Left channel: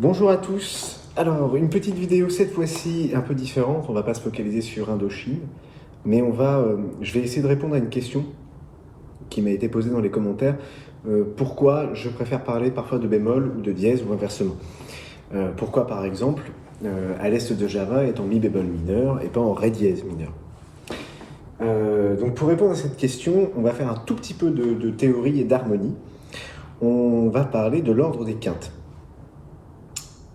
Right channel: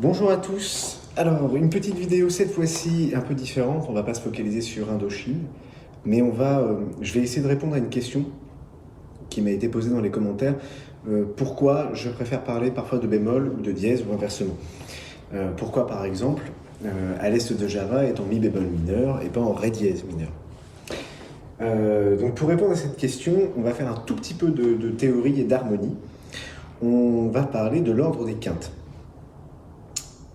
Bonjour à tous. Alors, une petite vidéo cette fois-ci un peu différente. On va pas se focaliser sur Indochine, mais je vais essayer de répondre à une question qui m'a été posée dans les commentaires. Pourquoi je préfère parler parfois de bémol ou de dièse ou inversement? Pourquoi, par exemple, à l'est de Java est en mi bémol mineur et pas en ré dièse mineur? Donc, pour répondre à cette question, on va faire un tout petit peu de théorie et d'harmonie. On va parler de l'ordre des quintes.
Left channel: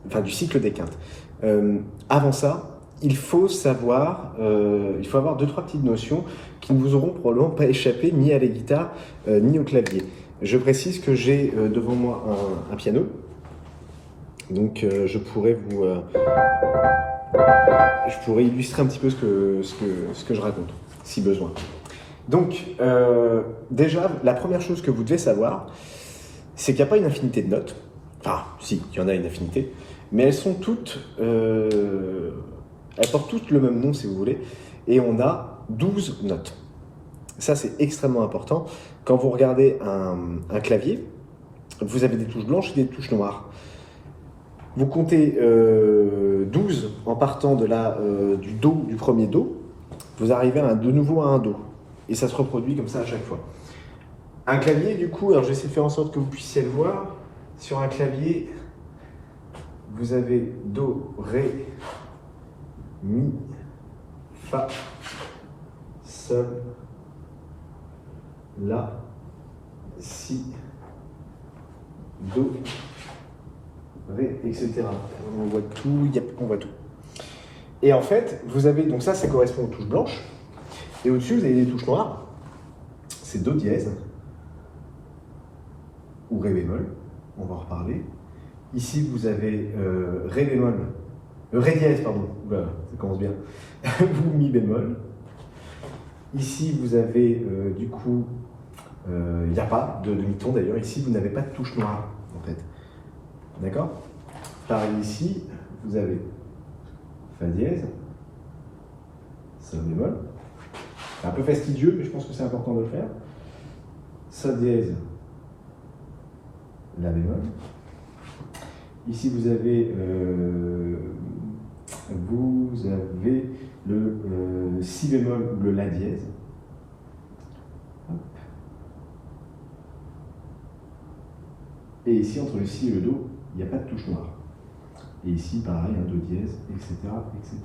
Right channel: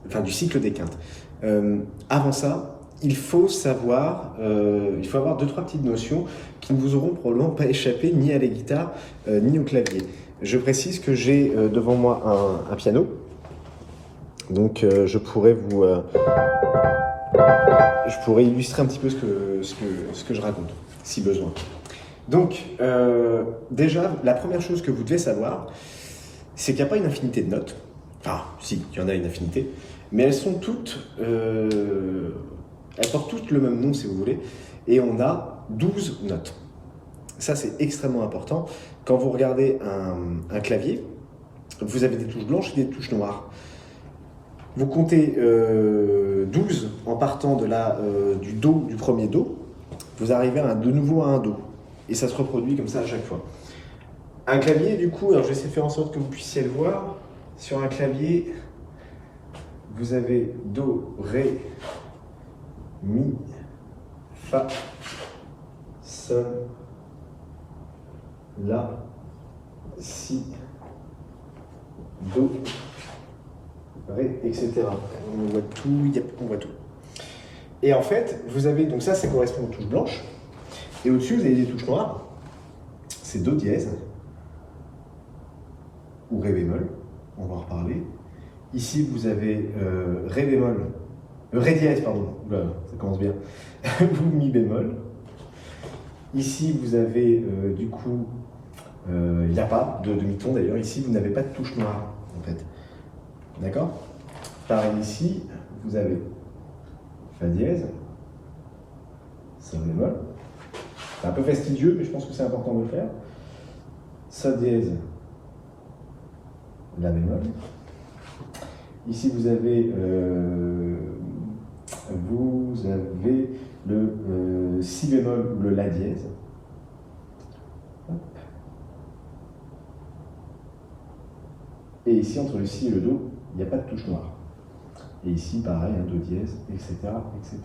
Enfin, du cycle des quintes. Avant ça, il faut avoir 2-3 petites notions qui ne vous auront probablement pas échappé ni à la guitare ni au clavier. Je précise que j'ai devant moi un piano, donc je pourrais illustrer un petit peu ce que je raconte, si besoin. Donc, déjà, la première chose que vous devez savoir, c'est qu'il n'y a pas une infinité de notes. Enfin, si, il y en a une infinité, mais elles sont toutes, elles portent toutes le même nom si vous voulez, et on a 12 notes. Ça c'est extrêmement important. Quand vous regardez un clavier, vous avez des touches blanches et des touches noires. Vous comptez 12 en partant du Do, du premier Do, vous arrivez de nouveau à un Do, et ça se reproduit comme ça à chaque fois. Un clavier du coup, alors je vais essayer de faire en sorte que vous puissiez le voir, sur un clavier, vous avez Do, Ré, Mi, Fa, Sol, La, Si, Do, Ré, etc. On voit tout, on voit tout. Et en fait, vous avez, donc ça correspond aux touches blanches, et au-dessus, vous avez des touches noires, c'est Do dièse, ou Ré bémol, on va en reparler. Ici, vous avez Ré bémol, Ré dièse, pardon, voilà, ça commence bien, ou Mi bémol. Ici, vous avez du coup, il n'y a pas de demi-ton d'ailleurs, ici, vous n'avez pas de touche noire, en fait. D'accord? Pareil ici, vous avez Fa dièse, Sol bémol. C'est un peu fastidieux, mais je pense que c'est important de le faire. Sol dièse, La bémol. Ici, vous avez le Si bémol ou le La dièse. Hop. Et ici, entre le Si et le Do, il n'y a pas de touche noire. Et ici, pareil, un Do dièse, etc. etc.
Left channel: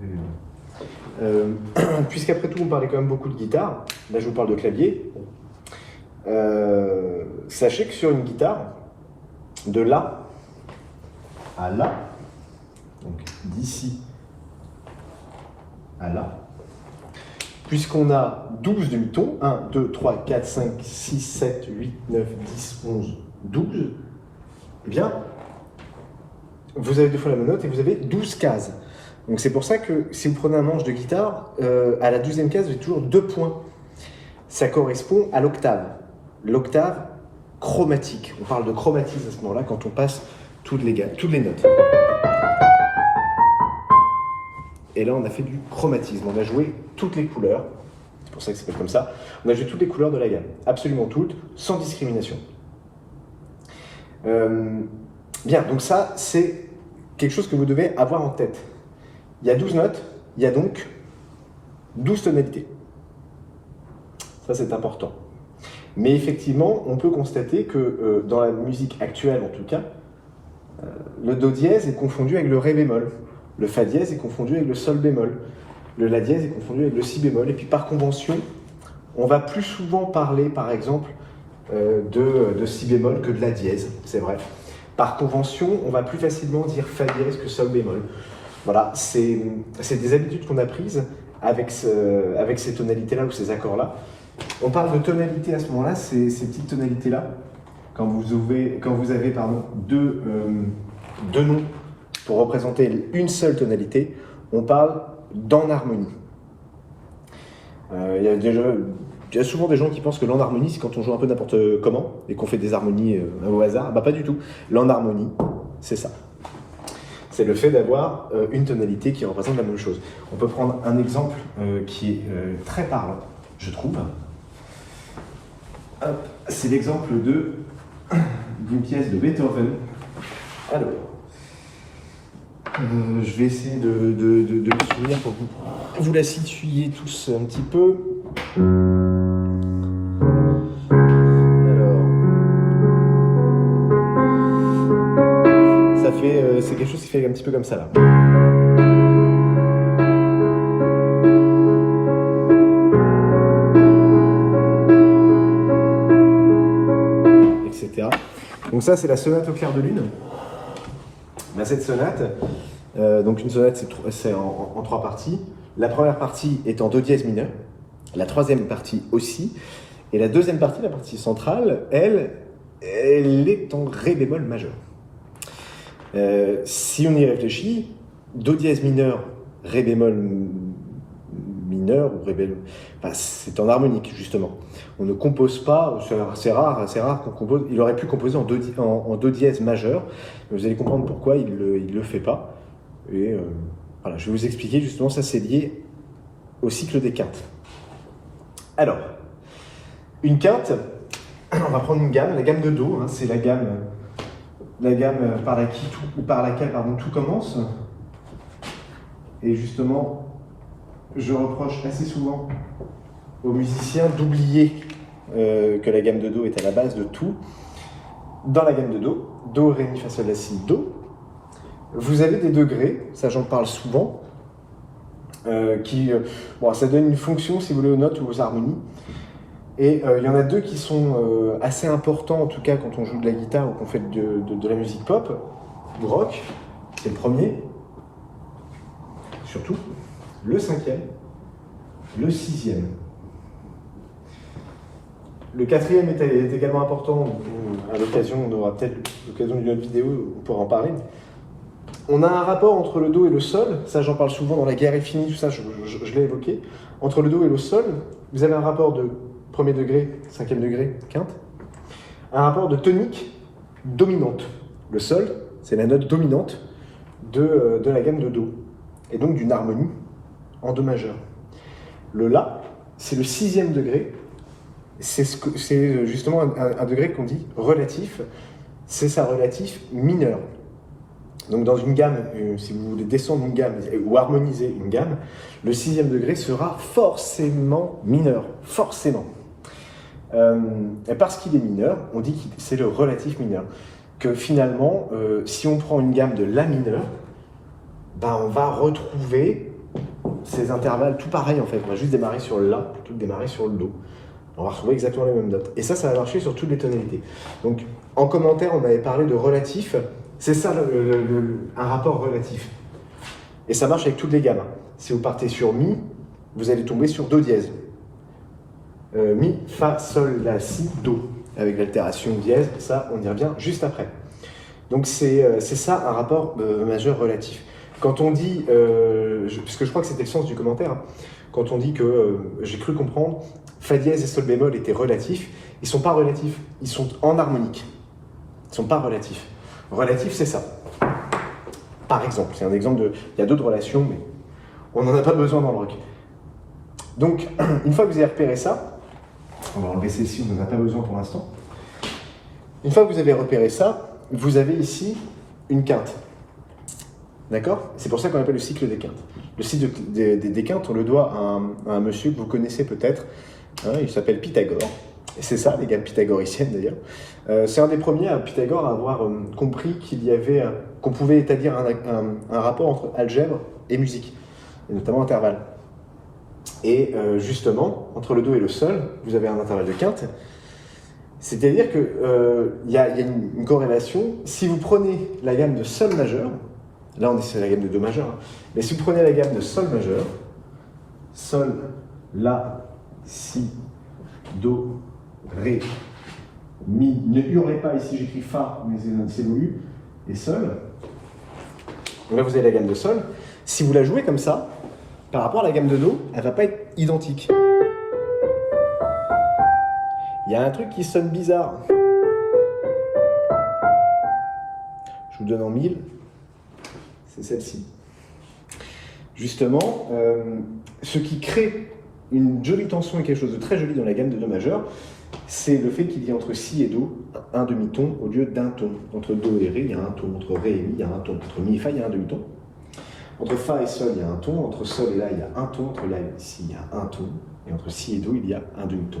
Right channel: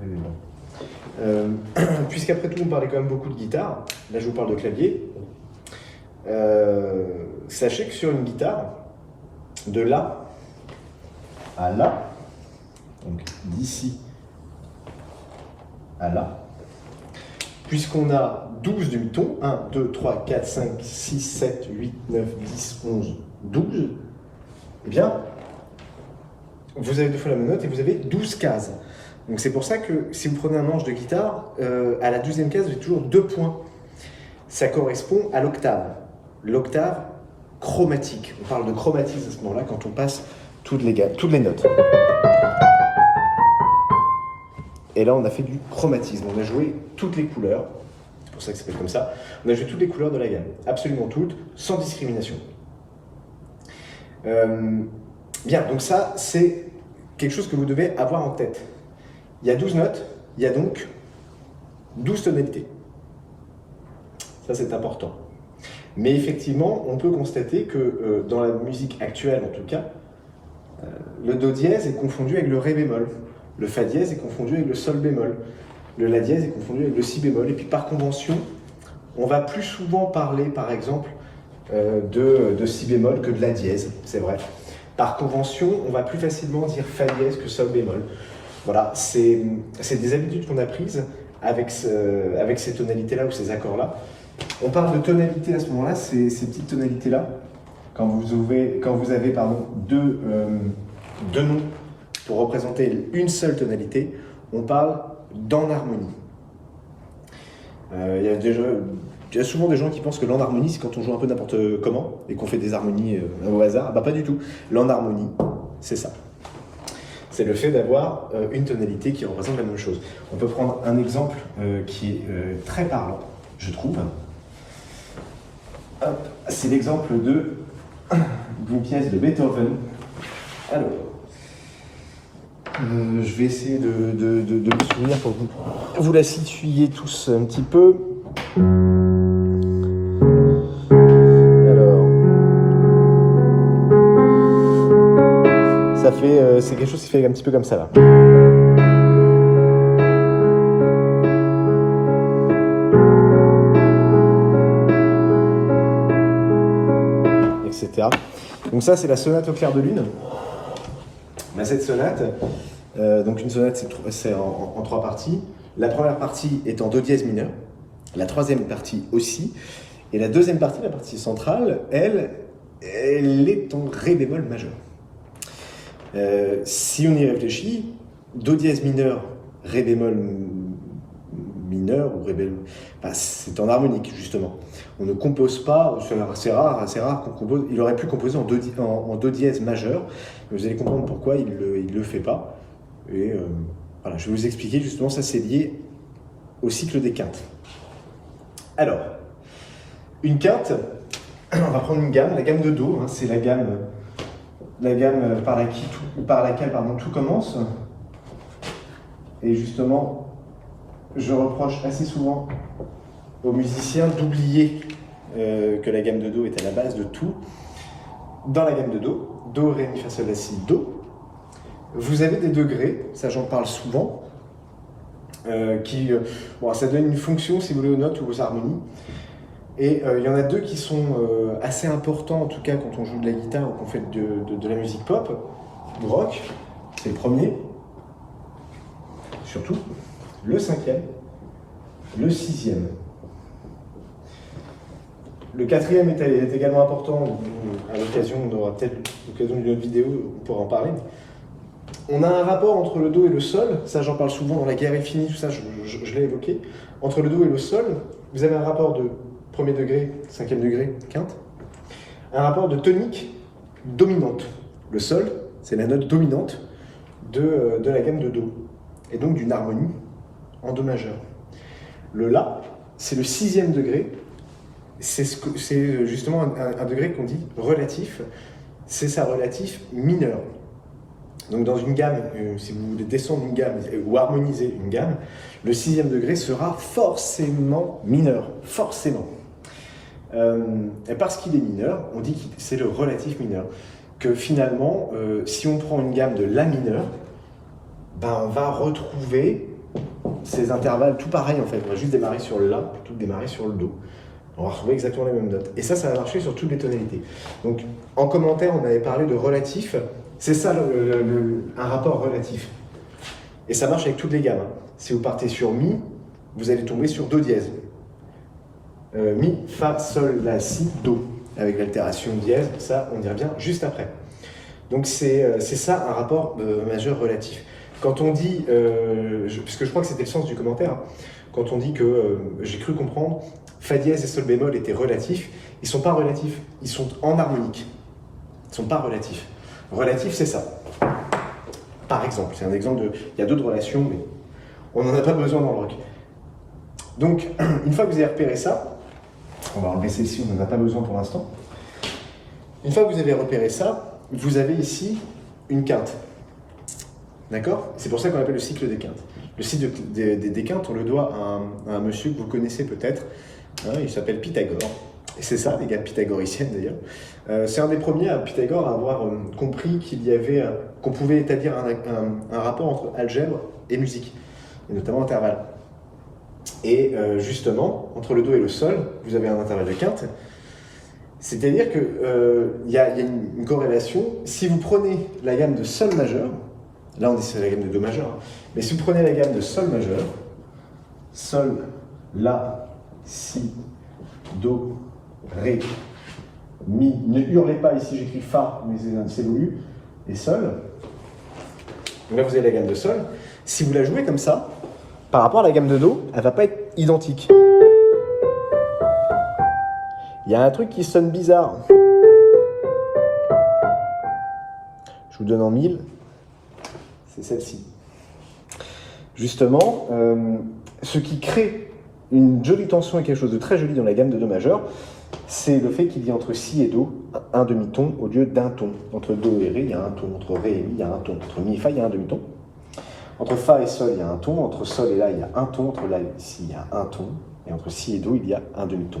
Ré bémol. Puisqu'après tout, on parlait quand même beaucoup de guitare, là je vous parle de clavier. Sachez que sur une guitare, de La à La, donc d'ici à là, puisqu'on a 12 demi-tons, 1, 2, 3, 4, 5, 6, 7, 8, 9, 10, 11, 12, eh bien, vous avez deux fois la même note et vous avez 12 cases. Donc c'est pour ça que si vous prenez un manche de guitare, à la 12e case, vous avez toujours 2 points. Ça correspond à l'octave. L'octave chromatique. On parle de chromatisme à ce moment-là quand on passe toutes les notes. Et là, on a fait du chromatisme. On a joué toutes les couleurs. C'est pour ça que ça s'appelle comme ça. On a joué toutes les couleurs de la gamme. Absolument toutes, sans discrimination. Bien, donc ça, c'est quelque chose que vous devez avoir en tête. Il y a 12 notes, il y a donc 12 tonalités. Ça, c'est important. Mais effectivement, on peut constater que dans la musique actuelle, en tout cas, le Do dièse est confondu avec le Ré bémol. Le Fa dièse est confondu avec le Sol bémol. Le La dièse est confondu avec le Si bémol. Et puis par convention, on va plus souvent parler, par exemple, de Si bémol que de La dièse, c'est vrai. Par convention, on va plus facilement dire Fa dièse que Sol bémol. Voilà, c'est des habitudes qu'on a prises avec ces tonalités-là ou ces accords-là. On parle de tonalité à ce moment-là, ces petites tonalités-là, quand vous avez deux noms pour représenter une seule tonalité, on parle d'enharmonie. Il y a souvent des gens qui pensent que l'enharmonie, c'est quand on joue un peu n'importe comment et qu'on fait des harmonies au hasard. Bah pas du tout. L'enharmonie, c'est ça. C'est le fait d'avoir une tonalité qui représente la même chose. On peut prendre un exemple qui est très parlant, je trouve. C'est l'exemple de d'une pièce de Beethoven. Alors, je vais essayer de me souvenir pour que vous la situiez tous un petit peu. Alors, c'est quelque chose qui fait un petit peu comme ça là. Etc. Donc ça, c'est la sonate au clair de lune. Ben, cette sonate, donc une sonate, c'est en 3 parties. La première partie est en do dièse mineur, la troisième partie aussi, et la deuxième partie, la partie centrale, elle est en ré bémol majeur. Si on y réfléchit, do dièse mineur, ré bémol mineur ou ré bémol, enfin, c'est en harmonique justement. On ne compose pas, c'est rare qu'on compose. Il aurait pu composer en do dièse majeur. Vous allez comprendre pourquoi il le fait pas. Et voilà, je vais vous expliquer justement. Ça, c'est lié au cycle des quintes. Alors, une quinte, on va prendre une gamme, la gamme de do. Hein, c'est la gamme par laquelle tout commence. Et justement, je reproche assez souvent aux musiciens d'oublier que la gamme de do est à la base de tout. Dans la gamme de do, ré, mi, fa, sol, la, si, do, vous avez des degrés, ça j'en parle souvent, ça donne une fonction si vous voulez aux notes ou aux harmonies. Et il y en a 2 qui sont assez importants, en tout cas quand on joue de la guitare ou qu'on fait de la musique pop, du rock. C'est le premier, surtout, le 5e, le 6e. Le 4e est également important, à l'occasion, on aura peut-être l'occasion d'une autre vidéo, on pourra en parler. On a un rapport entre le do et le sol, ça j'en parle souvent dans La guerre est finie, tout ça, je l'ai évoqué. Entre le do et le sol, vous avez un rapport de premier degré, 5e degré, quinte, un rapport de tonique dominante. Le sol, c'est la note dominante de la gamme de do, et donc d'une harmonie en do majeur. Le la, c'est le 6e degré, c'est justement un degré qu'on dit relatif, c'est sa relatif mineur. Donc dans une gamme, si vous voulez descendre une gamme ou harmoniser une gamme, le 6e degré sera forcément mineur, forcément. Et parce qu'il est mineur, on dit que c'est le relatif mineur. Que finalement, si on prend une gamme de la mineur, ben on va retrouver ces intervalles tout pareil en fait. On va juste démarrer sur le la plutôt que démarrer sur le do. On va retrouver exactement les mêmes notes. Et ça va marcher sur toutes les tonalités. Donc, en commentaire, on avait parlé de relatif. C'est ça, un rapport relatif. Et ça marche avec toutes les gammes. Si vous partez sur mi, vous allez tomber sur do dièse. Mi, fa, sol, la, si, do. Avec l'altération dièse, ça, on y revient juste après. Donc, c'est ça, un rapport majeur relatif. Quand on dit, parce que je crois que c'était le sens du commentaire, hein, quand on dit que, j'ai cru comprendre, fa dièse et sol bémol étaient relatifs, ils ne sont pas relatifs, ils sont en harmonique. Ils ne sont pas relatifs. Relatif, c'est ça. Par exemple, c'est un exemple il y a d'autres relations, mais on n'en a pas besoin dans le rock. Donc, une fois que vous avez repéré ça, on va enlever celle-ci, on n'en a pas besoin pour l'instant. Une fois que vous avez repéré ça, vous avez ici une quinte. D'accord? C'est pour ça qu'on appelle le cycle des quintes. Le cycle des quintes, on le doit à un monsieur que vous connaissez peut-être. Hein, il s'appelle Pythagore. Et c'est ça, les gammes pythagoriciennes d'ailleurs. C'est un des premiers, Pythagore, à avoir compris qu'on pouvait établir un rapport entre algèbre et musique, et notamment intervalle. Et justement, entre le do et le sol, vous avez un intervalle de quinte. C'est-à-dire qu'il y a une corrélation. Si vous prenez la gamme de sol majeur, là c'est la gamme de do majeur, hein, mais si vous prenez la gamme de sol majeur, sol, la, si, do, ré, mi, ne hurlez pas ici, j'écris fa, mais c'est voulu, et sol. Donc là, vous avez la gamme de sol. Si vous la jouez comme ça, par rapport à la gamme de do, elle ne va pas être identique. Il y a un truc qui sonne bizarre. Je vous donne en 1000. C'est celle-ci. Justement, ce qui crée une jolie tension et quelque chose de très joli dans la gamme de do majeur, c'est le fait qu'il y ait entre si et do un demi-ton au lieu d'un ton. Entre do et ré, il y a un ton. Entre ré et mi, il y a un ton. Entre mi et fa, il y a un demi-ton. Entre fa et sol, il y a un ton. Entre sol et la, il y a un ton. Entre la et si, il y a un ton. Et entre si et do, il y a un demi-ton.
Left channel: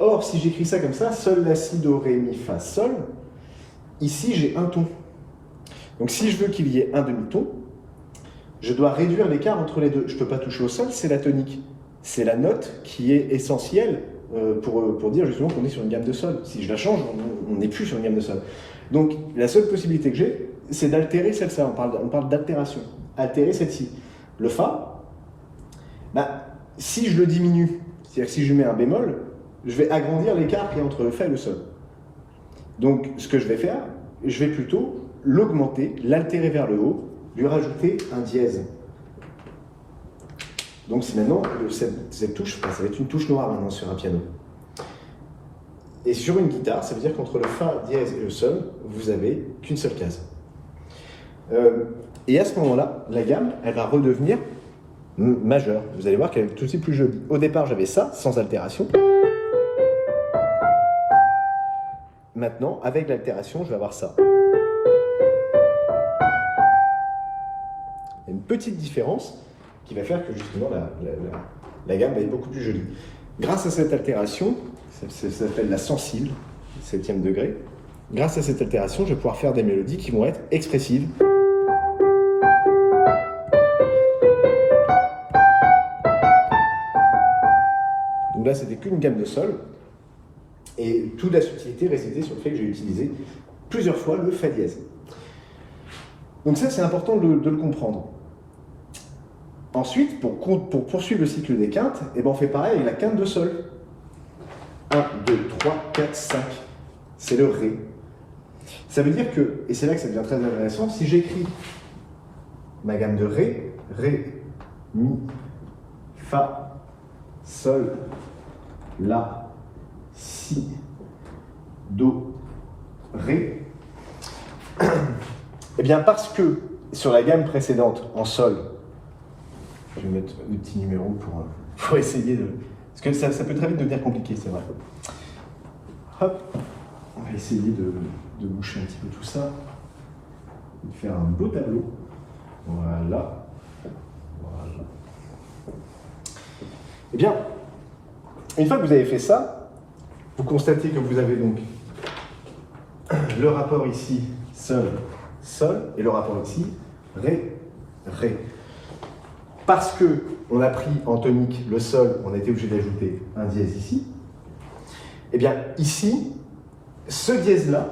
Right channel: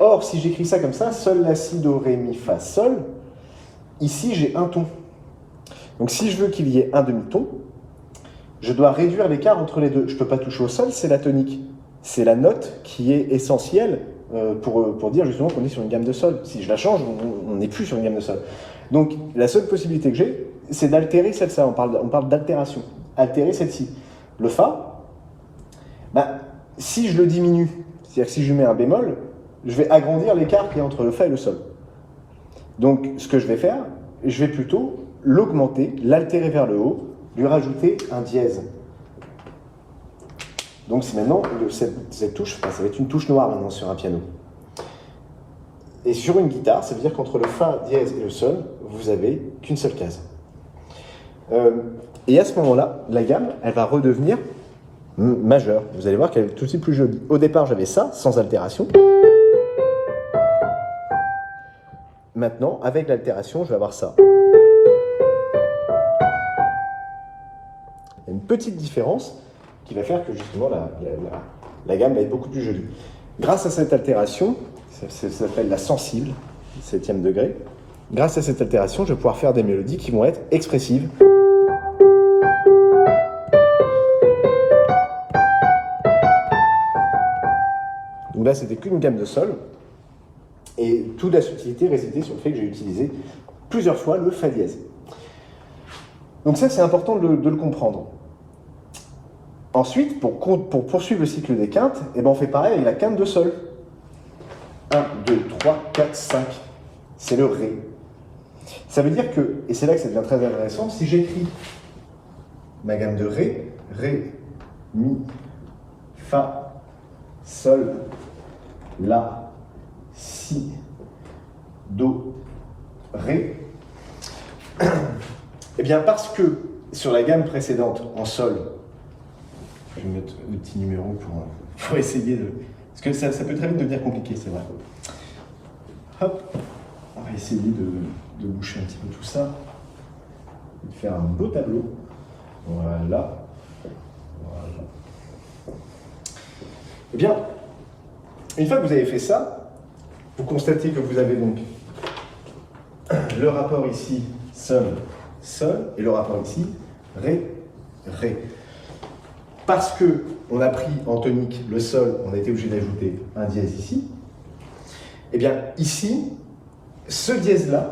Or, si j'écris ça comme ça, sol, la, si, do, ré, mi, fa, sol, ici, j'ai un ton. Donc, si je veux qu'il y ait un demi-ton, je dois réduire l'écart entre les deux. Je ne peux pas toucher au sol, c'est la tonique. C'est la note qui est essentielle pour dire justement qu'on est sur une gamme de sol. Si je la change, on n'est plus sur une gamme de sol. Donc, la seule possibilité que j'ai, c'est d'altérer celle-ci. On parle d'altération. Altérer celle-ci. Le fa, si je le diminue, c'est-à-dire si je lui mets un bémol, je vais agrandir l'écart qu'il y a entre le fa et le sol. Donc, ce que je vais faire, je vais plutôt l'augmenter, l'altérer vers le haut, lui rajouter un dièse. Donc, c'est maintenant, cette touche, ça va être une touche noire maintenant sur un piano. Et sur une guitare, ça veut dire qu'entre le fa dièse et le sol, vous n'avez qu'une seule case. Et à ce moment-là, la gamme, elle va redevenir majeure. Vous allez voir qu'elle est tout de suite plus jolie. Au départ, j'avais ça, sans altération. Maintenant, avec l'altération, je vais avoir ça. Il y a une petite différence qui va faire que justement la gamme va être beaucoup plus jolie. Grâce à cette altération, ça s'appelle la sensible, 7e degré, grâce à cette altération, je vais pouvoir faire des mélodies qui vont être expressives. Donc là, c'était qu'une gamme de sol. Et toute la subtilité résidait sur le fait que j'ai utilisé plusieurs fois le fa dièse. Donc ça, c'est important de le comprendre. Ensuite, pour poursuivre le cycle des quintes, on fait pareil avec la quinte de sol. 1, 2, 3, 4, 5. C'est le ré. Ça veut dire que, et c'est là que ça devient très intéressant, si j'écris ma gamme de ré, ré, mi, fa, sol, la, si, do, ré, eh bien parce que sur la gamme précédente en sol, je vais mettre le petit numéro pour essayer de... Parce que ça peut très vite devenir compliqué, c'est vrai. Hop, on va essayer de boucher un petit peu tout ça, et de faire un beau tableau. Voilà. Voilà. Eh bien, une fois que vous avez fait ça, vous constatez que vous avez donc le rapport ici, sol, sol, et le rapport ici, ré, ré. Parce qu'on a pris en tonique le sol, on a été obligé d'ajouter un dièse ici. Eh bien, ici, ce dièse-là,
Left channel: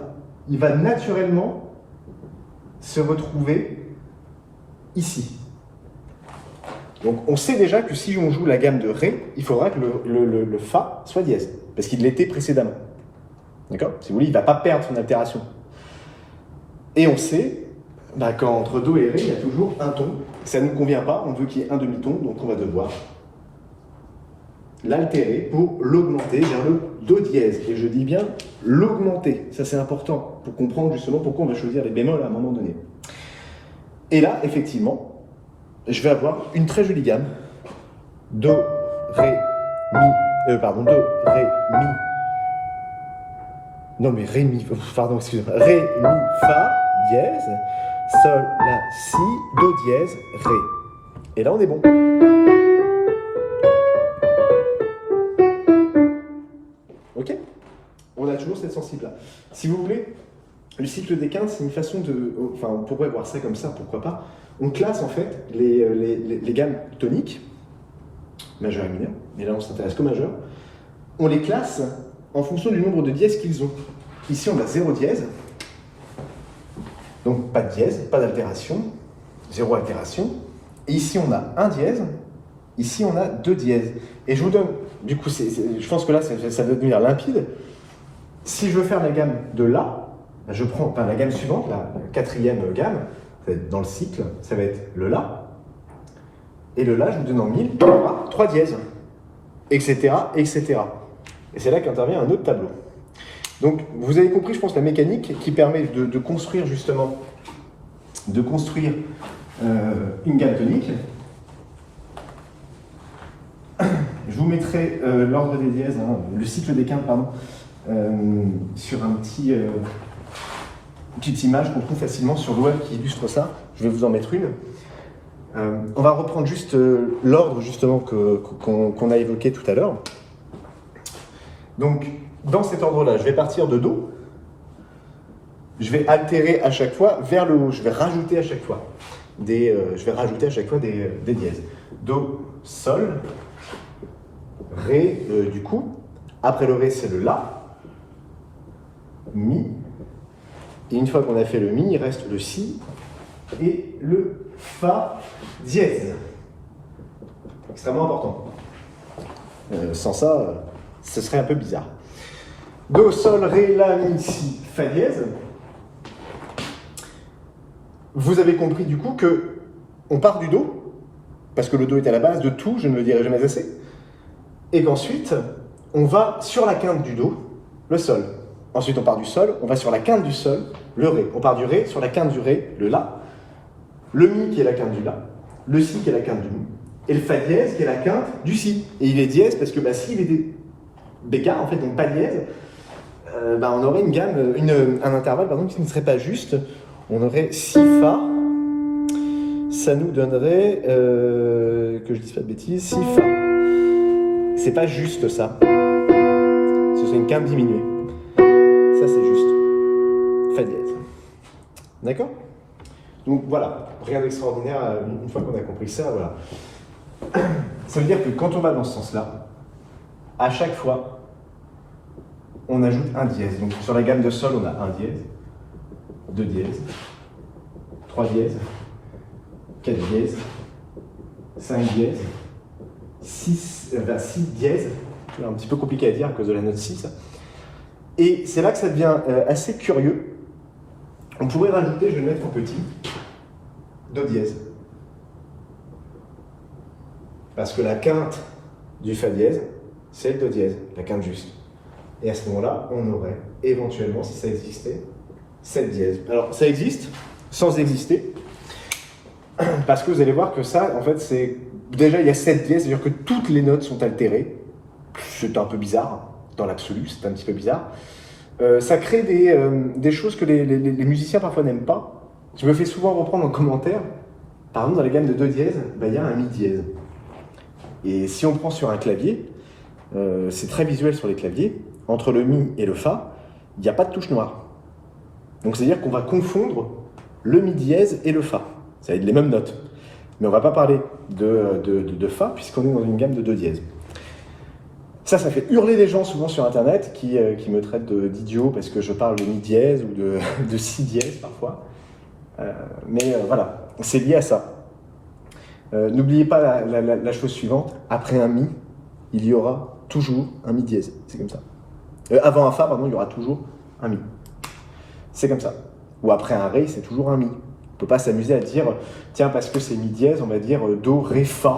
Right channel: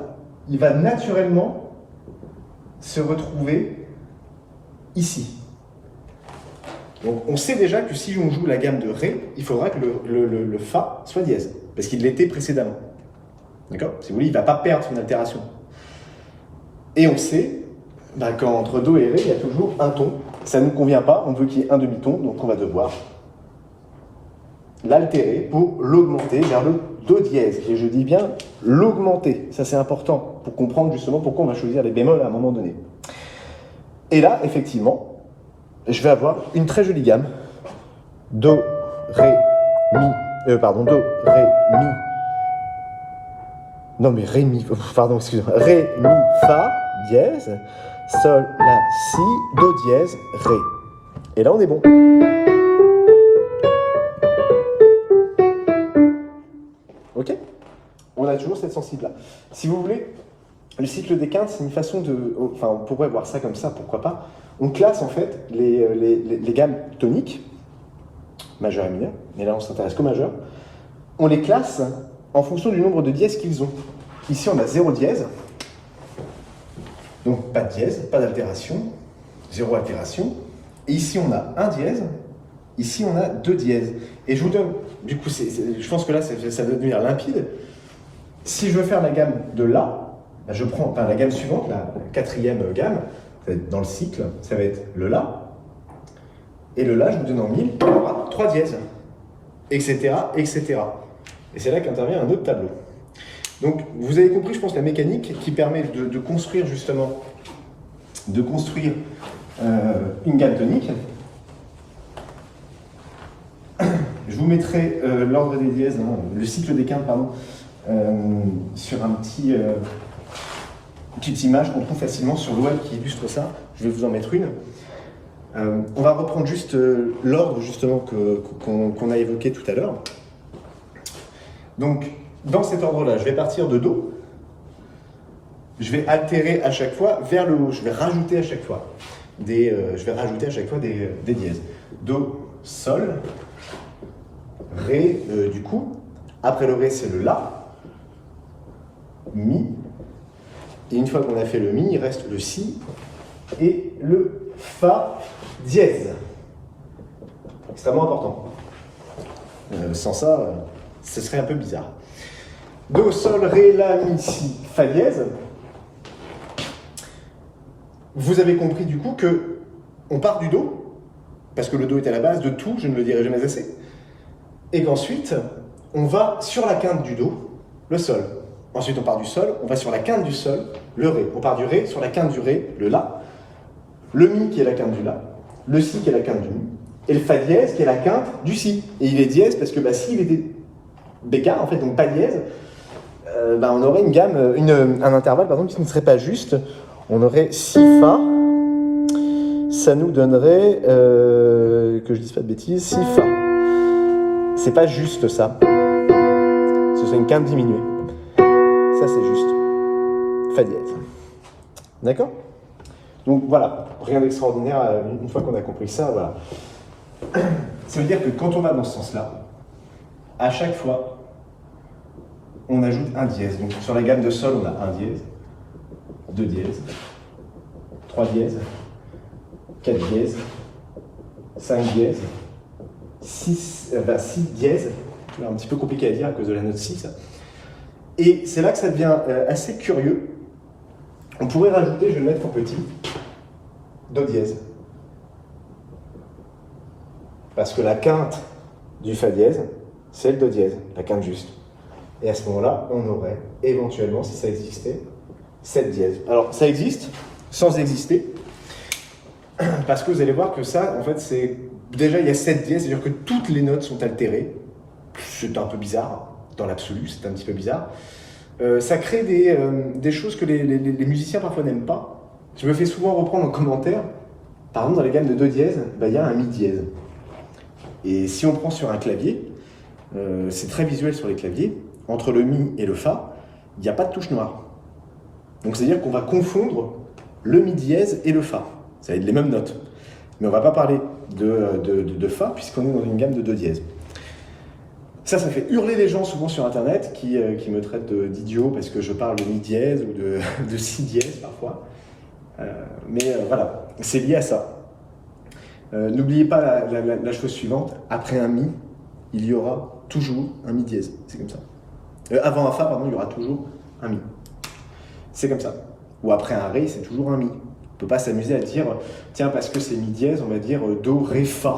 il va naturellement se retrouver ici. Donc, on sait déjà que si on joue la gamme de ré, il faudra que le fa soit dièse, parce qu'il l'était précédemment. D'accord? Si vous voulez, il ne va pas perdre son altération. Et on sait qu'entre do et ré, il y a toujours un ton. Ça ne nous convient pas, on veut qu'il y ait un demi-ton, donc on va devoir l'altérer pour l'augmenter vers le do dièse. Et je dis bien l'augmenter. Ça, c'est important pour comprendre justement pourquoi on va choisir les bémols à un moment donné. Et là, effectivement, je vais avoir une très jolie gamme. Do, ré, mi. Do, ré, mi. Non, mais ré, mi. Pardon, excusez-moi. Ré, mi, fa, dièse. Sol, la, si, do dièse, ré. Et là, on est bon. Ok? On a toujours cette sensible-là. Si vous voulez, le cycle des quintes, c'est une façon de... Enfin, on pourrait voir ça comme ça, pourquoi pas. On classe en fait les gammes toniques, majeur et mineur, mais là on s'intéresse qu'au majeur. On les classe en fonction du nombre de dièses qu'ils ont. Ici, on a 0 dièse. Donc, pas de dièse, pas d'altération, 0 altération. Et ici, on a un dièse. Ici, on a 2 dièses. Et je vous donne, du coup, je pense que là, ça va devenir limpide. Si je veux faire la gamme de La, je prends la gamme suivante, la 4e gamme, ça va être dans le cycle, ça va être le La. Et le La, je vous donne en mille, 3 dièses, etc., etc. Et c'est là qu'intervient un autre tableau. Donc, vous avez compris, je pense, la mécanique qui permet de construire justement, une gamme tonique. Je vous mettrai l'ordre des dièses, hein, le cycle des quintes, pardon, sur une petite image qu'on trouve facilement sur le web qui illustre ça. Je vais vous en mettre une. On va reprendre juste l'ordre justement qu'on a évoqué tout à l'heure. Donc, dans cet ordre-là, je vais partir de Do. Je vais altérer à chaque fois vers le haut. Je vais rajouter à chaque fois des dièses. Do, Sol, Ré, du coup. Après le Ré, c'est le La, Mi. Et une fois qu'on a fait le Mi, il reste le Si et le Fa dièse. Extrêmement important. Sans ça, ce serait un peu bizarre. Do, Sol, Ré, La, Mi, Si, Fa dièse. Vous avez compris du coup que on part du Do, parce que le Do est à la base de tout, je ne le dirai jamais assez, et qu'ensuite, on va sur la quinte du Do, le Sol. Ensuite, on part du Sol, on va sur la quinte du Sol, le Ré. On part du Ré, sur la quinte du Ré, le La, le Mi qui est la quinte du La, le Si qui est la quinte du Mi, et le Fa dièse qui est la quinte du Si. Et il est dièse parce que s'il était bécard, en fait, donc pas dièse, on aurait une gamme, un intervalle pardon, qui ne serait pas juste. On aurait Si Fa, ça nous donnerait, que je dise pas de bêtises, Si Fa. C'est pas juste ça. Ce serait une quinte diminuée. Ça c'est juste. Fa dièse. D'accord? Donc voilà, rien d'extraordinaire une fois qu'on a compris ça, voilà. Ça veut dire que quand on va dans ce sens-là, à chaque fois, on ajoute un dièse. Donc sur la gamme de Sol, on a un dièse, 2 dièses, 3 dièses, 4 dièses, 5 dièses, 6 dièses, c'est un petit peu compliqué à dire à cause de la note 6. Et c'est là que ça devient assez curieux. On pourrait rajouter, je vais le mettre en petit, Do dièse. Parce que la quinte du Fa dièse, c'est le Do dièse, la quinte juste. Et à ce moment-là, on aurait éventuellement, si ça existait, 7 dièses. Alors, ça existe sans exister, parce que vous allez voir que ça, en fait, c'est... Déjà, il y a 7 dièses, c'est-à-dire que toutes les notes sont altérées. C'est un peu bizarre, dans l'absolu, c'est un petit peu bizarre. Ça crée des choses que les musiciens parfois n'aiment pas. Je me fais souvent reprendre en commentaire. Par exemple, dans les gammes de Do dièse, il y a un Mi dièse. Et si on prend sur un clavier, c'est très visuel sur les claviers, entre le Mi et le Fa, il n'y a pas de touche noire. Donc c'est-à-dire qu'on va confondre le Mi dièse et le Fa. Ça va être les mêmes notes. Mais on ne va pas parler de Fa, puisqu'on est dans une gamme de Do dièse. Ça fait hurler les gens souvent sur Internet qui me traitent d'idiot parce que je parle de Mi dièse ou de Si dièse parfois. Mais voilà, c'est lié à ça. N'oubliez pas la chose suivante, après un Mi, il y aura toujours un Mi dièse. C'est comme ça. Avant un Fa, pardon, il y aura toujours un Mi. C'est comme ça. Ou après un Ré, c'est toujours un Mi. On ne peut pas s'amuser à dire, tiens, parce que c'est Mi dièse, on va dire Do, Ré, Fa.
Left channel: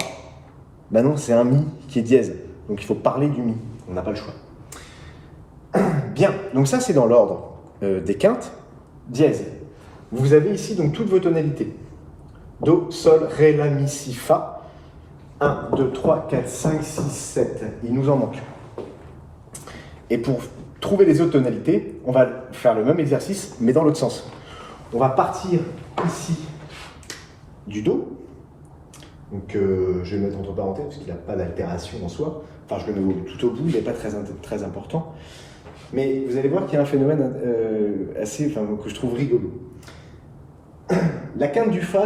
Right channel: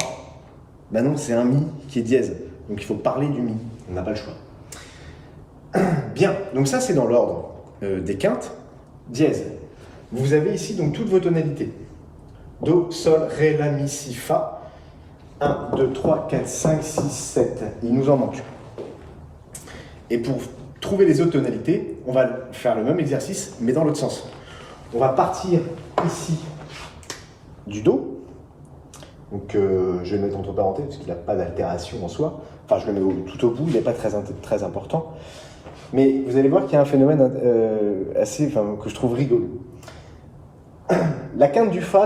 Ben non, c'est un Mi qui est dièse. Donc il faut parler du Mi. On n'a pas le choix. Bien, donc ça c'est dans l'ordre des quintes. Dièse. Vous avez ici donc toutes vos tonalités. Do, Sol, Ré, La, Mi, Si, Fa. 1, 2, 3, 4, 5, 6, 7. Il nous en manque. Et pour trouver les autres tonalités, on va faire le même exercice, mais dans l'autre sens. On va partir ici du Do. Donc je vais le mettre entre parenthèses parce qu'il n'a pas d'altération en soi. Enfin, je le mets tout au bout, il n'est pas très important. Mais vous allez voir qu'il y a un phénomène que je trouve rigolo. La quinte du Fa,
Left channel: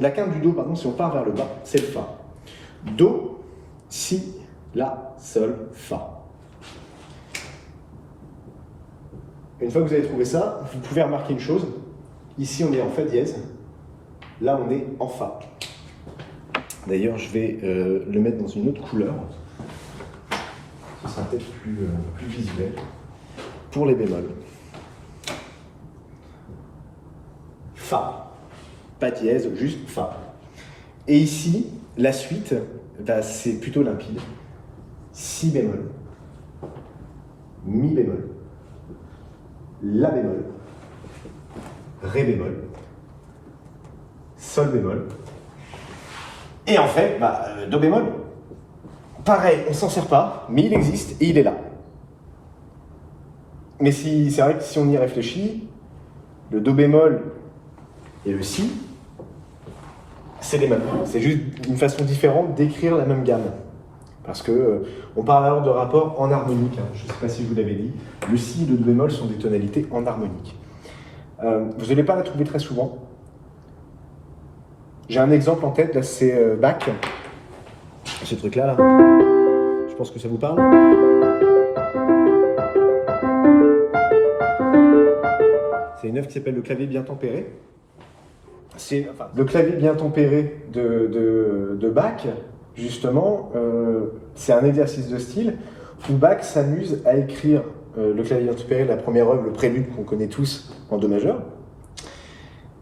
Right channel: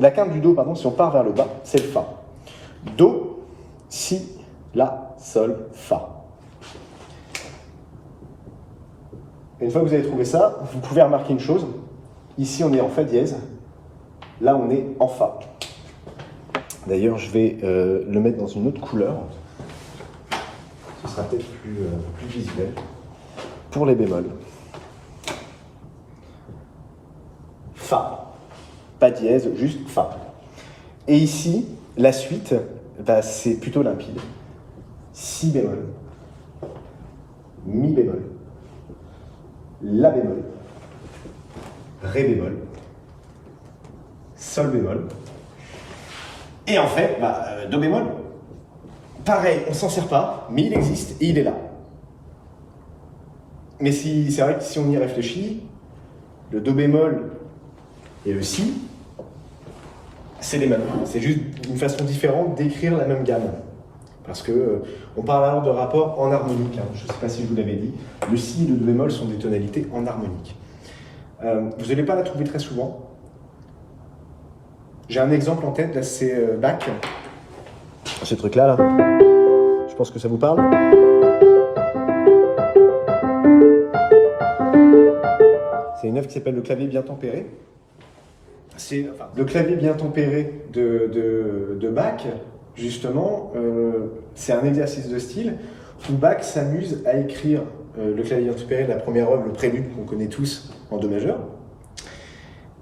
la quinte du Do, pardon, si on part vers le bas, c'est le Fa. Do, Si, La, Sol, Fa. Et une fois que vous avez trouvé ça, vous pouvez remarquer une chose. Ici, on est en Fa dièse. Là, on est en Fa. D'ailleurs, je vais le mettre dans une autre couleur. Ce sera peut-être plus visuel. Pour les bémols. Fa. Pas dièse, juste Fa. Et ici, la suite, c'est plutôt limpide. Si bémol. Mi bémol. La bémol. Ré bémol. Sol bémol. Et en fait, Do bémol. pareil, on s'en sert pas, mais il existe et il est là. Mais c'est vrai que si on y réfléchit, le Do bémol et le Si, c'est les mêmes. C'est juste une façon différente d'écrire la même gamme. Parce que on parle alors de rapport en harmonique. Hein. Je ne sais pas si je vous l'avais dit. Le Si et le Do bémol sont des tonalités en harmonique. Vous n'allez pas la trouver très souvent. J'ai un exemple en tête, là, c'est Bach. Ce truc-là, là. Je pense que ça vous parle. C'est une œuvre qui s'appelle Le clavier bien tempéré. C'est le clavier bien tempéré de Bach, justement, c'est un exercice de style où Bach s'amuse à écrire le clavier bien tempéré, la première œuvre, le prélude qu'on connaît tous en Do majeur,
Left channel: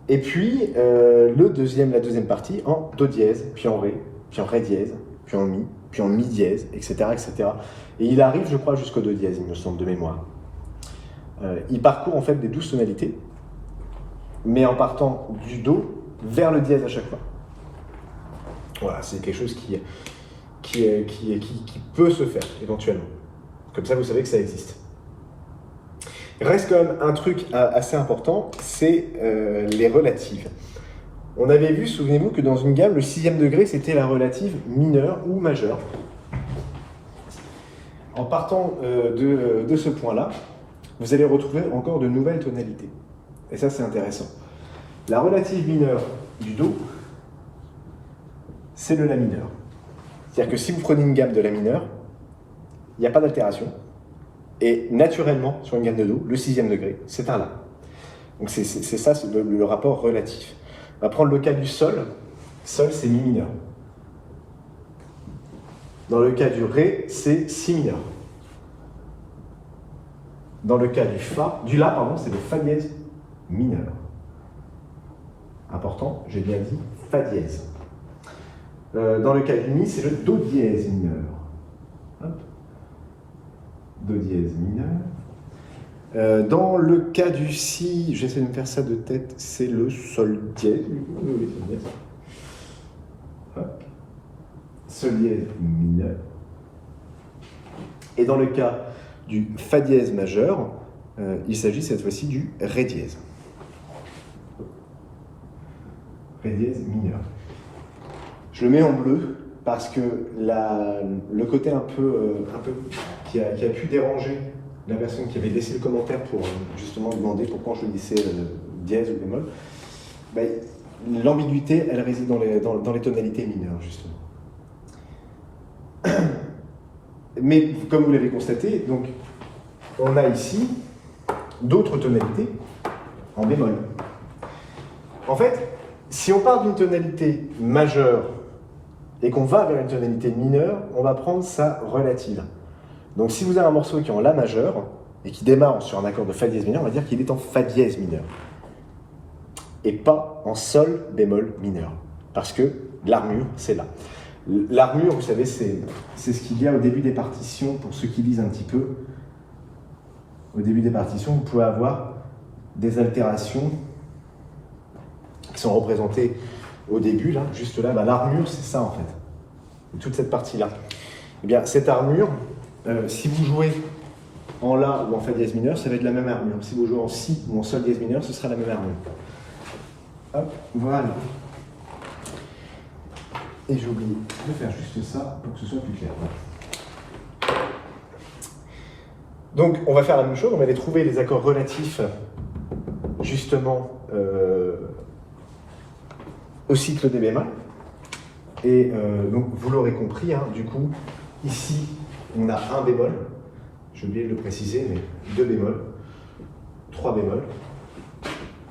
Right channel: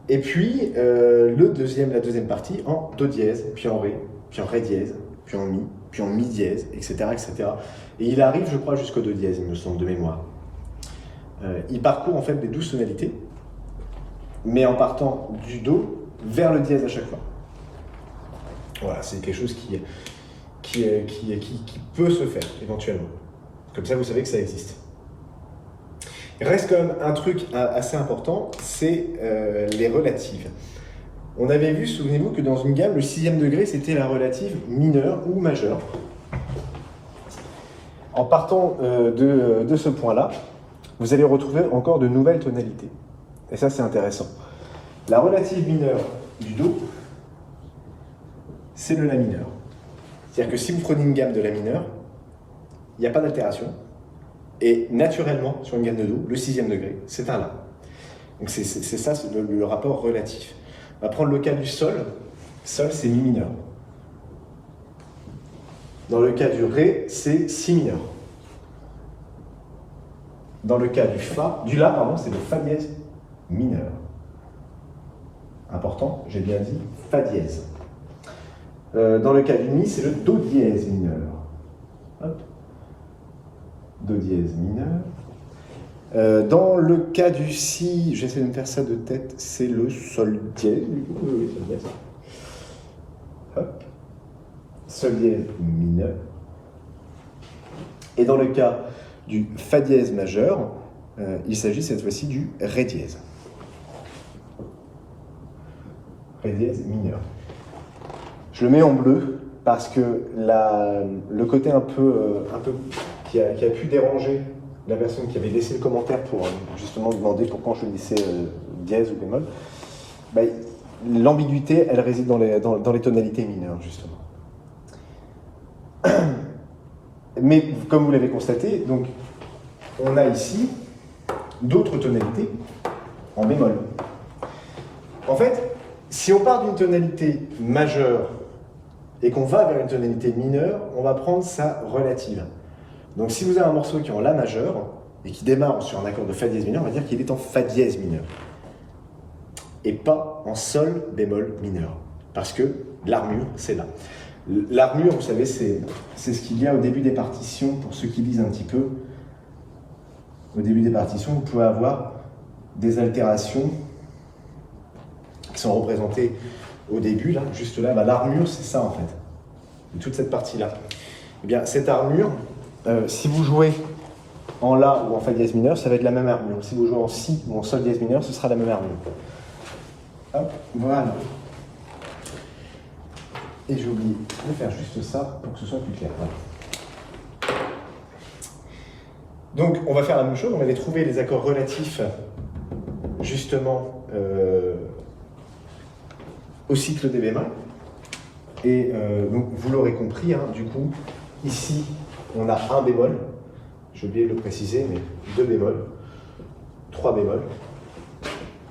et puis la deuxième partie en Do dièse, puis en Ré, puis en Ré dièse, puis en Mi, puis en Mi dièse, etc., etc. Et il arrive, je crois, jusqu'au Do dièse, il me semble, de mémoire. Il parcourt en fait des 12 tonalités, mais en partant du Do vers le dièse à chaque fois. Voilà, c'est quelque chose qui peut se faire éventuellement. Comme ça, vous savez que ça existe. Il reste quand même un truc assez important, c'est les relatives. On avait vu, souvenez-vous, que dans une gamme, le 6e degré, c'était la relative mineure ou majeure. En partant de ce point-là, vous allez retrouver encore de nouvelles tonalités. Et ça, c'est intéressant. La relative mineure du Do, c'est le La mineur. C'est-à-dire que si vous prenez une gamme de La mineur, il n'y a pas d'altération. Et naturellement, sur une gamme de Do, le 6e degré, c'est un La. Donc c'est ça le rapport relatif. On va prendre le cas du Sol. Sol, c'est Mi mineur. Dans le cas du Ré, c'est Si mineur. Dans le cas du La, c'est le Fa dièse mineur. Important, j'ai bien dit Fa dièse. Dans le cas du Mi, c'est le Do dièse mineur. Hop. Do dièse mineur. Dans le cas du Si, j'essaie de me faire ça de tête, c'est le Sol dièse. Oui, Sol dièse. Hop. Sol dièse mineur. Et dans le cas du Fa dièse majeur, il s'agit cette fois-ci du Ré dièse. Ré dièse mineur. Je le mets en bleu parce que le côté un peu qui a pu déranger la personne qui avait laissé le commentaire pour justement demander pourquoi je laissais dièse ou bémol, l'ambiguïté, elle réside dans les tonalités mineures, justement. Mais comme vous l'avez constaté, donc, on a ici d'autres tonalités en bémol. En fait, si on part d'une tonalité majeure et qu'on va vers une tonalité mineure, on va prendre sa relative. Donc si vous avez un morceau qui est en La majeur et qui démarre sur un accord de Fa dièse mineur, on va dire qu'il est en Fa dièse mineur et pas en Sol bémol mineur, parce que l'armure, c'est là. L'armure, vous savez, c'est ce qu'il y a au début des partitions, pour ceux qui lisent un petit peu. Au début des partitions, vous pouvez avoir des altérations qui sont représentées au début, là, juste là. L'armure, c'est ça, en fait. Et toute cette partie-là. Eh bien, cette armure, si vous jouez en La ou en Fa dièse mineur, ça va être la même armure. Si vous jouez en Si ou en Sol dièse mineur, ce sera la même armure. Hop, voilà. Et j'ai oublié de faire juste ça pour que ce soit plus clair. Voilà. Donc, on va faire la même chose. On va aller trouver les accords relatifs, justement, au cycle des bémols. Et donc, vous l'aurez compris, hein, du coup, ici, on a un bémol. J'ai oublié de le préciser, mais 2 bémols, 3 bémols,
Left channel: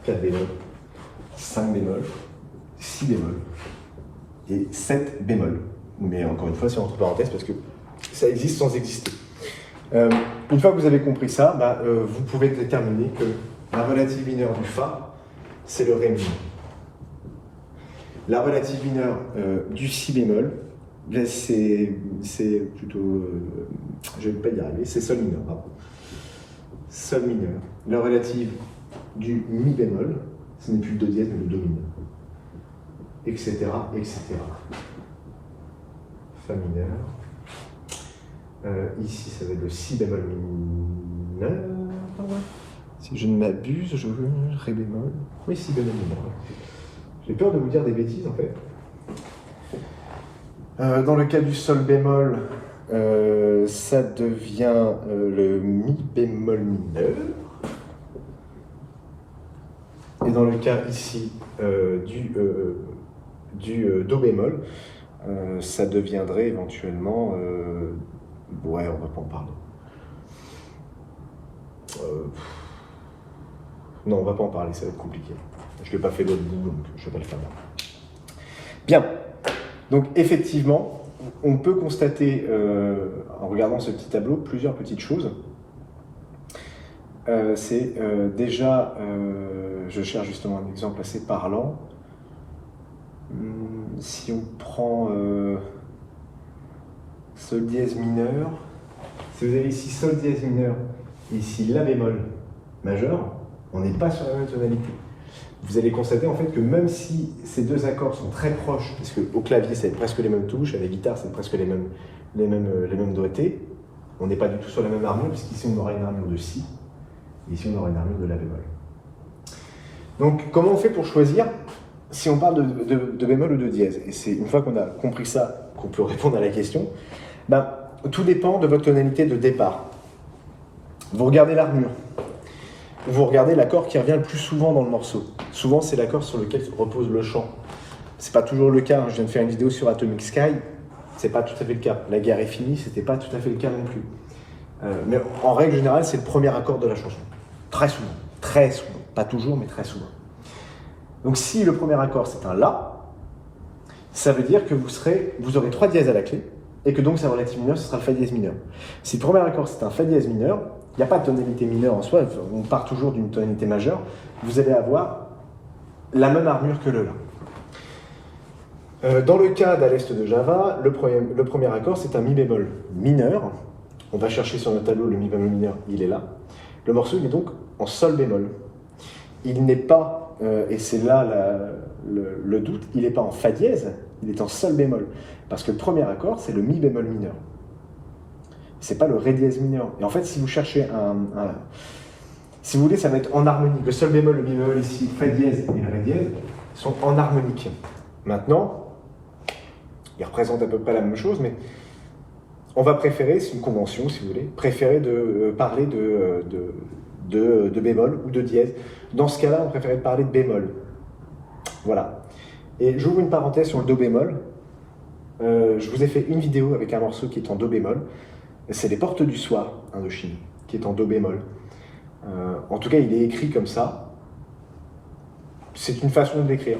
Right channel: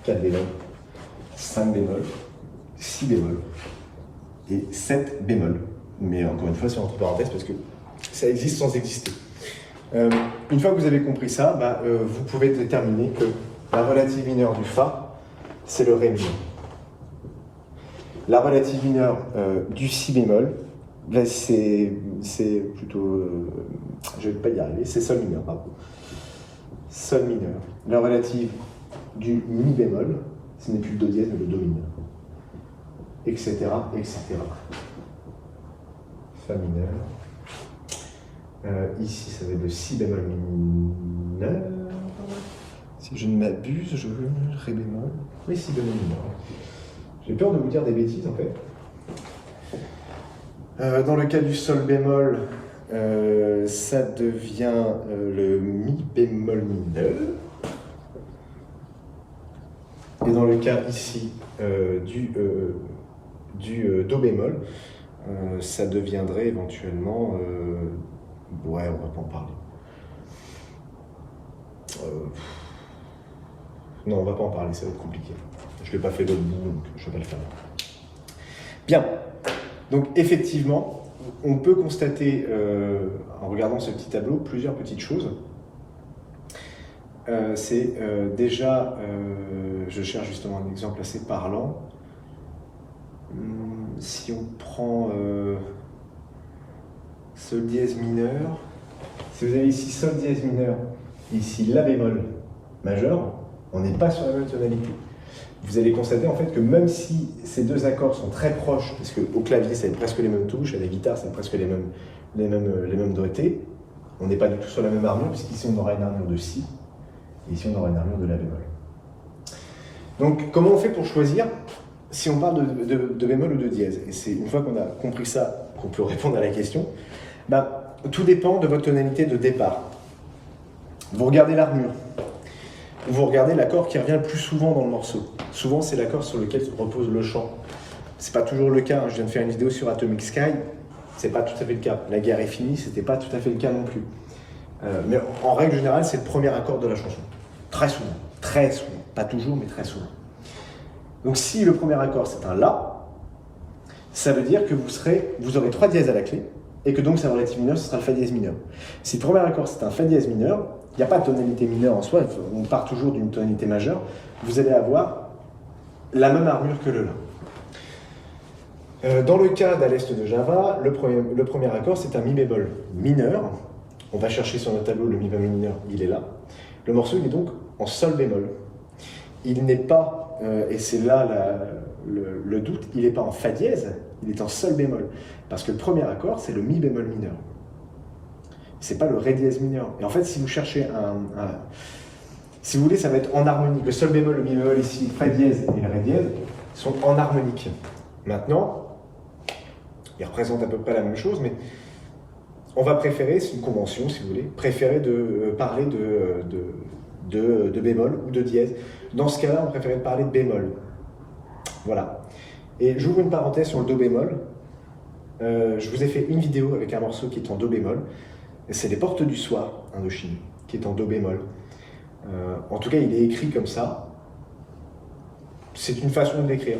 4 bémols, 5 bémols, 6 bémols et 7 bémols. Mais encore une fois, c'est entre parenthèses parce que ça existe sans exister. Une fois que vous avez compris ça, vous pouvez déterminer que la relative mineure du Fa, c'est le Ré mineur. La relative mineure du Si bémol, c'est plutôt... je ne vais pas y arriver, c'est Sol mineur, pardon. Sol mineur. La relative du Mi bémol, ce n'est plus le Do dièse, mais le Do mineur. Etc., etc. Fa mineur, Ici, ça va être le si bémol mineur. Si je ne m'abuse, ré bémol. Oui, si bémol mineur. J'ai peur de vous dire des bêtises en fait. Dans le cas du sol bémol, ça devient le mi bémol mineur. Et dans le cas ici du do bémol, ça deviendrait éventuellement... ouais, on va pas en parler. Non, on va pas en parler, ça va être compliqué. Je l'ai pas fait l'autre bout, donc je vais pas le faire. Bien. Donc effectivement, on peut constater, en regardant ce petit tableau, plusieurs petites choses. C'est déjà, je cherche justement un exemple assez parlant. Si on prend sol dièse mineur, si vous avez ici sol dièse mineur et ici la bémol majeur, on n'est pas sur la même tonalité. Vous allez constater en fait que même si ces deux accords sont très proches, parce qu'au clavier c'est presque les mêmes touches, à la guitare c'est presque les mêmes doigtés, on n'est pas du tout sur la même armure, puisqu'ici on aura une armure de si, et ici on aura une armure de la bémol. Donc comment on fait pour choisir si on parle de bémol ou de dièse? Et c'est une fois qu'on a compris ça qu'on peut répondre à la question. Ben, tout dépend de votre tonalité de départ. Vous regardez l'armure. Vous regardez l'accord qui revient le plus souvent dans le morceau. Souvent, c'est l'accord sur lequel repose le chant. C'est pas toujours le cas. Je viens de faire une vidéo sur Atomic Sky. C'est pas tout à fait le cas. La guerre est finie, c'était pas tout à fait le cas non plus. Mais en règle générale, c'est le premier accord de la chanson. Très souvent. Très souvent. Pas toujours, mais très souvent. Donc, si le premier accord, c'est un La, ça veut dire que vous aurez 3 dièses à la clé, et que donc, sa relative mineure, ce sera le Fa dièse mineur. Si le premier accord, c'est un Fa dièse mineur, il n'y a pas de tonalité mineure en soi, on part toujours d'une tonalité majeure, vous allez avoir la même armure que le La. Dans le cas d'À l'Est de Java, le premier accord, c'est un Mi bémol mineur. On va chercher sur notre tableau le Mi bémol mineur, il est là. Le morceau, il est donc en Sol bémol. Il n'est pas, et c'est là le doute, il n'est pas en Fa dièse, il est en Sol bémol. Parce que le premier accord, c'est le Mi bémol mineur. C'est pas le Ré dièse mineur. Et en fait, si vous cherchez si vous voulez, ça va être en harmonie. Le Sol bémol, le Mi bémol ici, le Fa dièse et le Ré dièse sont en harmonique. Maintenant, ils représentent à peu près la même chose, mais on va préférer, c'est une convention si vous voulez, préférer de parler de bémol ou de dièse. Dans ce cas-là, on préférait parler de bémol. Voilà. Et j'ouvre une parenthèse sur le Do bémol. Je vous ai fait une vidéo avec un morceau qui est en Do bémol. C'est Les Portes du Soir, Indochine, qui est en Do bémol. En tout cas, il est écrit comme ça. C'est une façon de l'écrire.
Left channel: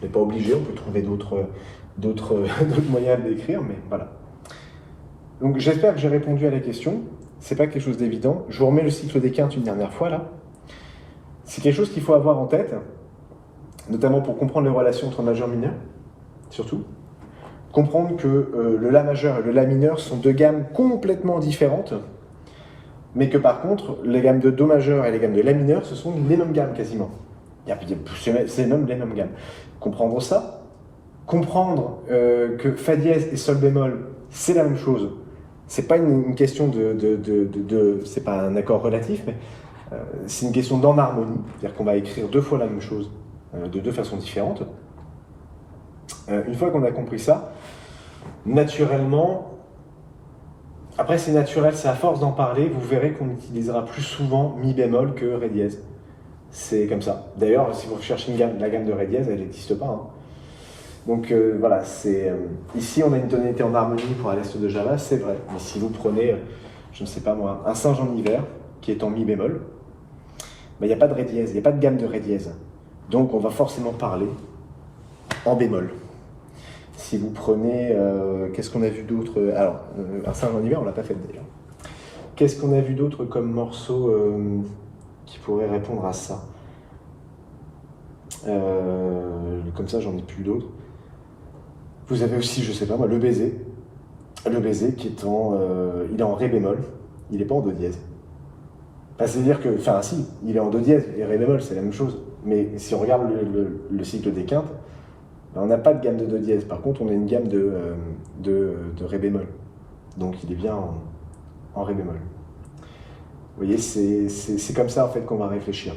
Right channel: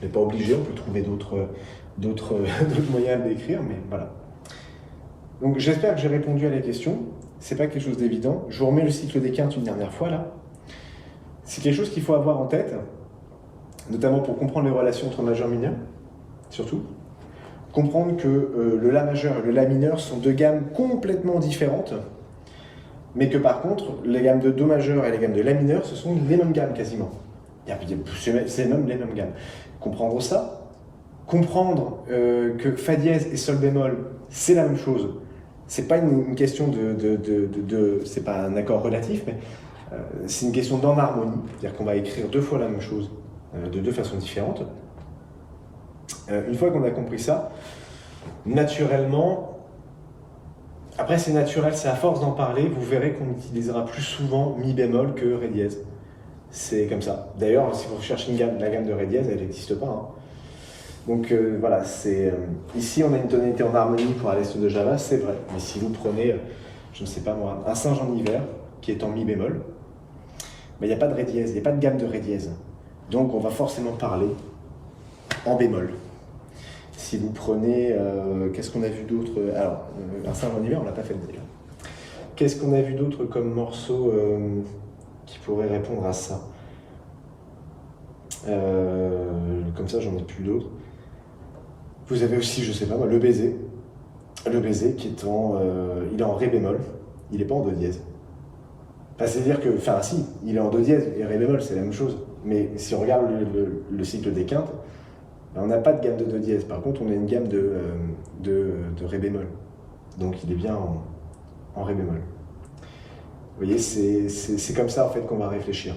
On n'est pas obligé, on peut trouver d'autres moyens de l'écrire, mais voilà. Donc j'espère que j'ai répondu à la question. C'est pas quelque chose d'évident. Je vous remets le cycle des quintes une dernière fois là. C'est quelque chose qu'il faut avoir en tête, notamment pour comprendre les relations entre majeur et mineur, surtout. Comprendre que le La majeur et le La mineur sont deux gammes complètement différentes, mais que par contre, les gammes de Do majeur et les gammes de La mineur, ce sont les mêmes gammes quasiment. C'est même les mêmes gammes. Comprendre ça, comprendre que Fa dièse et Sol bémol, c'est la même chose. C'est pas une question c'est pas un accord relatif, mais c'est une question d'enharmonie, c'est-à-dire qu'on va écrire deux fois la même chose de deux façons différentes. Une fois qu'on a compris ça, naturellement, après c'est naturel, c'est à force d'en parler, vous verrez qu'on utilisera plus souvent Mi bémol que Ré dièse. C'est comme ça. D'ailleurs, si vous recherchez la gamme de Ré dièse, elle n'existe pas. Hein. Donc voilà, ici on a une tonalité en harmonie pour À l'Est de Java, c'est vrai. Mais si vous prenez, je ne sais pas moi, un singe en hiver, qui est en Mi bémol, il n'y a pas de Ré dièse, il n'y a pas de gamme de Ré dièse. Donc on va forcément parler en bémol. Si vous prenez, qu'est-ce qu'on a vu d'autre? Alors, un singe en hiver, on l'a pas fait déjà. Qu'est-ce qu'on a vu d'autre comme morceau qui pourrait répondre à ça? Comme ça, j'en ai plus d'autres. Vous avez aussi, je sais pas moi, le baiser. Le baiser qui est il est en Ré bémol, il n'est pas en Do dièse. Enfin, c'est-à-dire que, enfin si, il est en Do dièse et Ré bémol, c'est la même chose. Mais si on regarde le cycle des quintes, on n'a pas de gamme de Do dièse. Par contre, on a une gamme de Ré bémol. Donc il est bien en Ré bémol. Vous voyez, c'est comme ça en fait qu'on va réfléchir.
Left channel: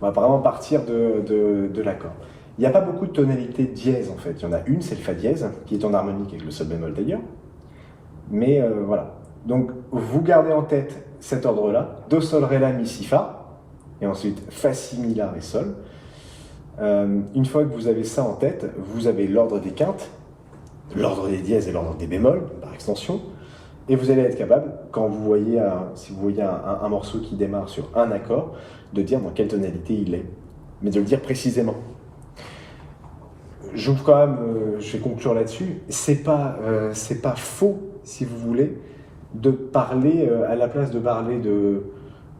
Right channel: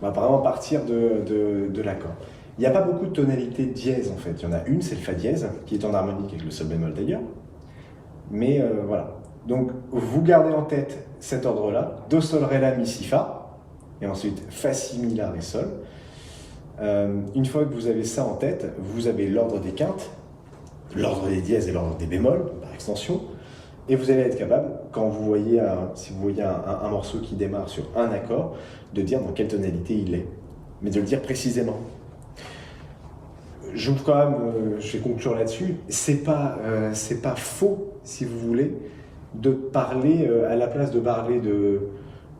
On va vraiment partir de l'accord. Il n'y a pas beaucoup de tonalités dièse en fait. Il y en a une, c'est le Fa dièse, qui est en harmonique avec le Sol bémol d'ailleurs. Mais voilà. Donc vous gardez en tête cet ordre-là, Do, Sol, Ré, La, Mi, Si, Fa, et ensuite Fa, Si, Mi, La, Ré, Sol. Une fois que vous avez ça en tête, vous avez l'ordre des quintes, l'ordre des dièses et l'ordre des bémols, par extension, et vous allez être capable, quand vous voyez si vous voyez un morceau qui démarre sur un accord, de dire dans quelle tonalité il est, mais de le dire précisément. Je vais conclure là-dessus, c'est pas faux, si vous voulez, de parler, à la place de parler de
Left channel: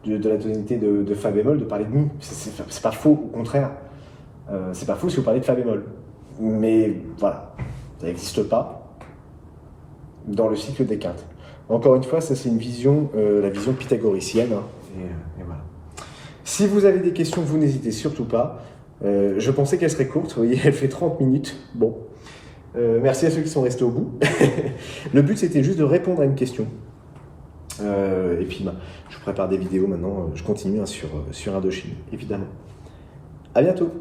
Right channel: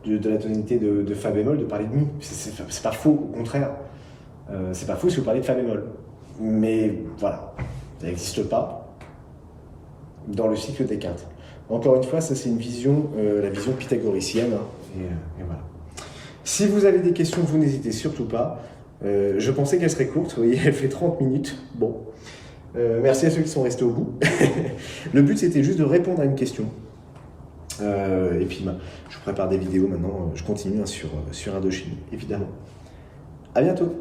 la tonalité de Fa bémol, de parler de Mi. C'est pas faux, au contraire. C'est pas faux si vous parlez de Fa bémol. Mais voilà, ça n'existe pas dans le cycle des quintes. Encore une fois, ça c'est une vision, la vision pythagoricienne. Hein, et voilà. Si vous avez des questions, vous n'hésitez surtout pas. Je pensais qu'elle serait courte, vous voyez, elle fait 30 minutes. Bon, merci à ceux qui sont restés au bout. Le but c'était juste de répondre à une question. Et puis je prépare des vidéos maintenant, je continue hein, sur Indochine, évidemment. À bientôt.